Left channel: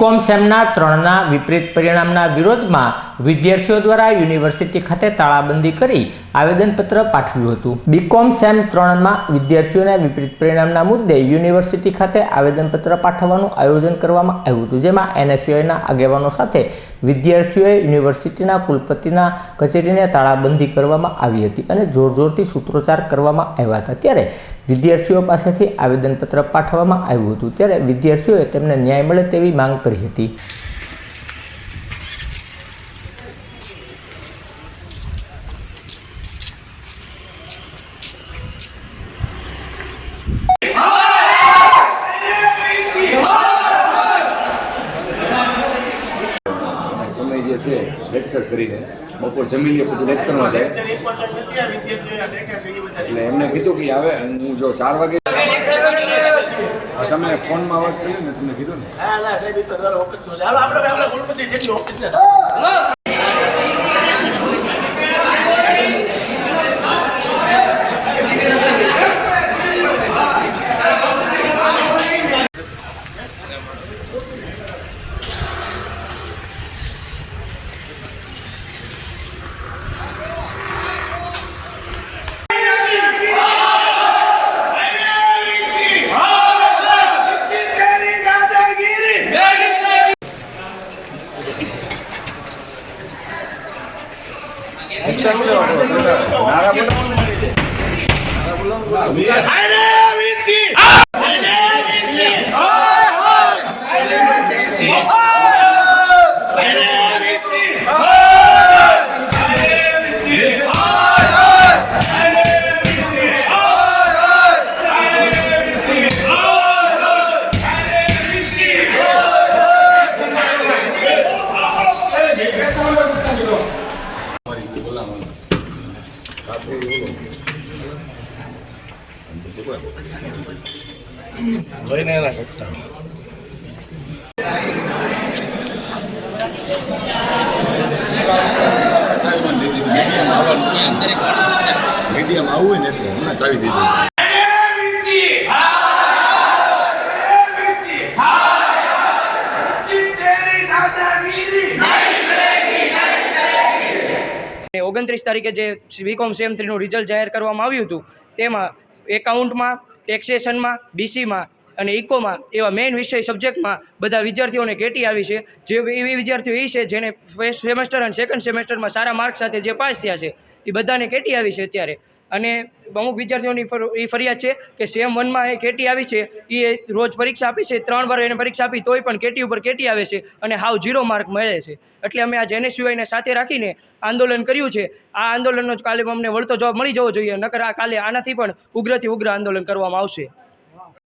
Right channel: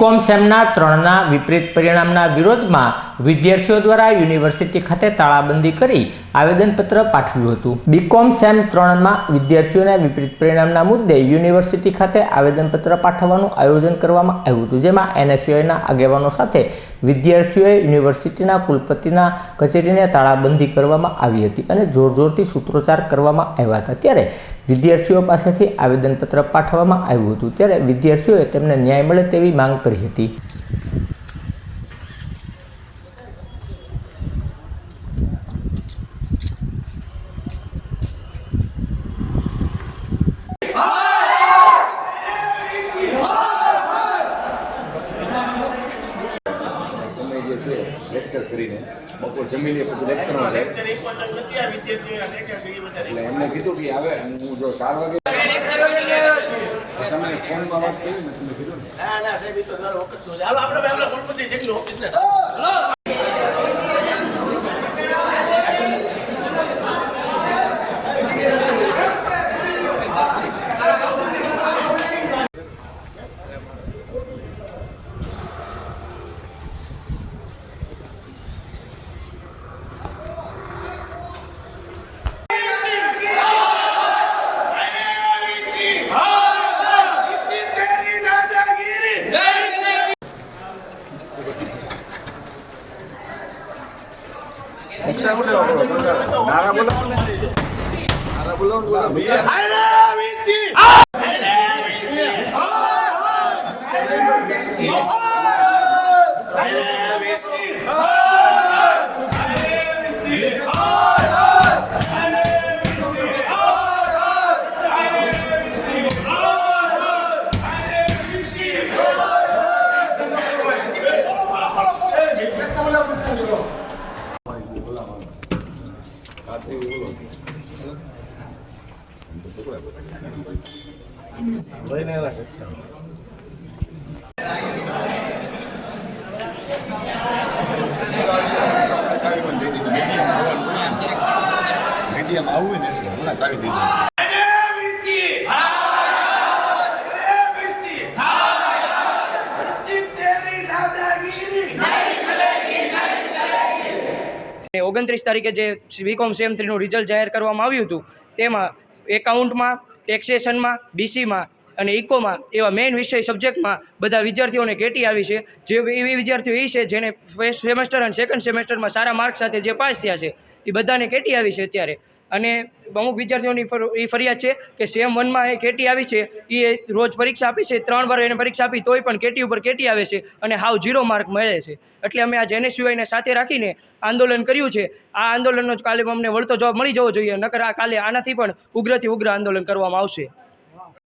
BCom સેમના 3ના વિપરીત પરિણામના વિરોધમાં વિદ્યાર્થીઓ દ્વારા યુનિવર્સિટી ખાતે તાળાબંધી કરી આવેદનપત્ર પાઠવ્યું હતું। બીકોમ સેમ 3માં વિદ્યાર્થીઓના વિપરીત પરિણામના મુદ્દે યુનિવર્સિટી ખાતે આવેદનપત્ર પાઠવવાનું આયોજન કરવામાં આવ્યું હતું, જેમાં એનએસયુઆઈના આગેવાનો સાથે વિદ્યાર્થીઓએ યુનિવર્સિટીના કુલપતિના કચેરીને તાળાબંધી કરવામાં આવી હતી અને જોરજોરથી સૂત્રોચ્ચાર કરવામાં આવ્યા હતા। ત્યારે વિદ્યાર્થીઓ પાસેથી આવેદનપત્ર પાઠવવામાં આવ્યું હતું। ત્યારે વિદ્યાર્થીઓએ તેમને ન્યાય મળે તેવી માંગ કરી હતી। સમય જે છે લેક્ચર કરીને બપોર જમી લે પછી લેક્ચરમાં જાય એટલે એમને કીધું કે હવે હું જો 4 વાગે તમે ફોનમાં વાત કરી ને તમને કીધું ને ના સાહેબ એ તો દર વખત તો ચાલો આપણે કુલપતિ જેટલું ઓફિસ ને મીડિયમ આવું ને એટલે હમણાં ચાવી દીધું। ઓગણત્રીસ તારીખે જે બીકોમ સેમ 3નું રિઝલ્ટ જાહેર કરવામાં આવ્યું હતું, તેમાં એકાઉન્ટમાં, ટેક્સેશનમાં, ડીસીમાં અને ઇકોમાં એવા મેઇન વિષય સબ્જેક્ટમાં બધા વિદ્યાર્થીઓને કેટી આવી છે। જે એવી વિદ્યાર્થીઓ એ છે જેને ફર્સ્ટ સેમેસ્ટર અને સેકન્ડ સેમેસ્ટરમાં સારા માર્ક સાથે જે પાસ થયા છે એ બધાને કેટી આવી છે અત્યારે। અને અમુક વિદ્યાર્થીઓની એ ફરિયાદ છે કે સેમ 1માં એ કેટી આવી છે, એ રોજ પરીક્ષા આપી છે, 3 વાર એને પરીક્ષા આપી તોય પણ કેટી ઉપર કેટી આવે છે અને હાવ 0 માર્ક મળે છે। એટલે અમે આ એનએસયુઆઈને સાથે રાખીને આંદોલન કર્યું છે। આ આંદોલનનો જ કાલે અમને વળતો જવાબ મળી જવો જોઈએ, નકર આ કાલે આનાથી પણ ઉગ્રથી ઉગ્ર આંદોલન કરવામાં આવશે।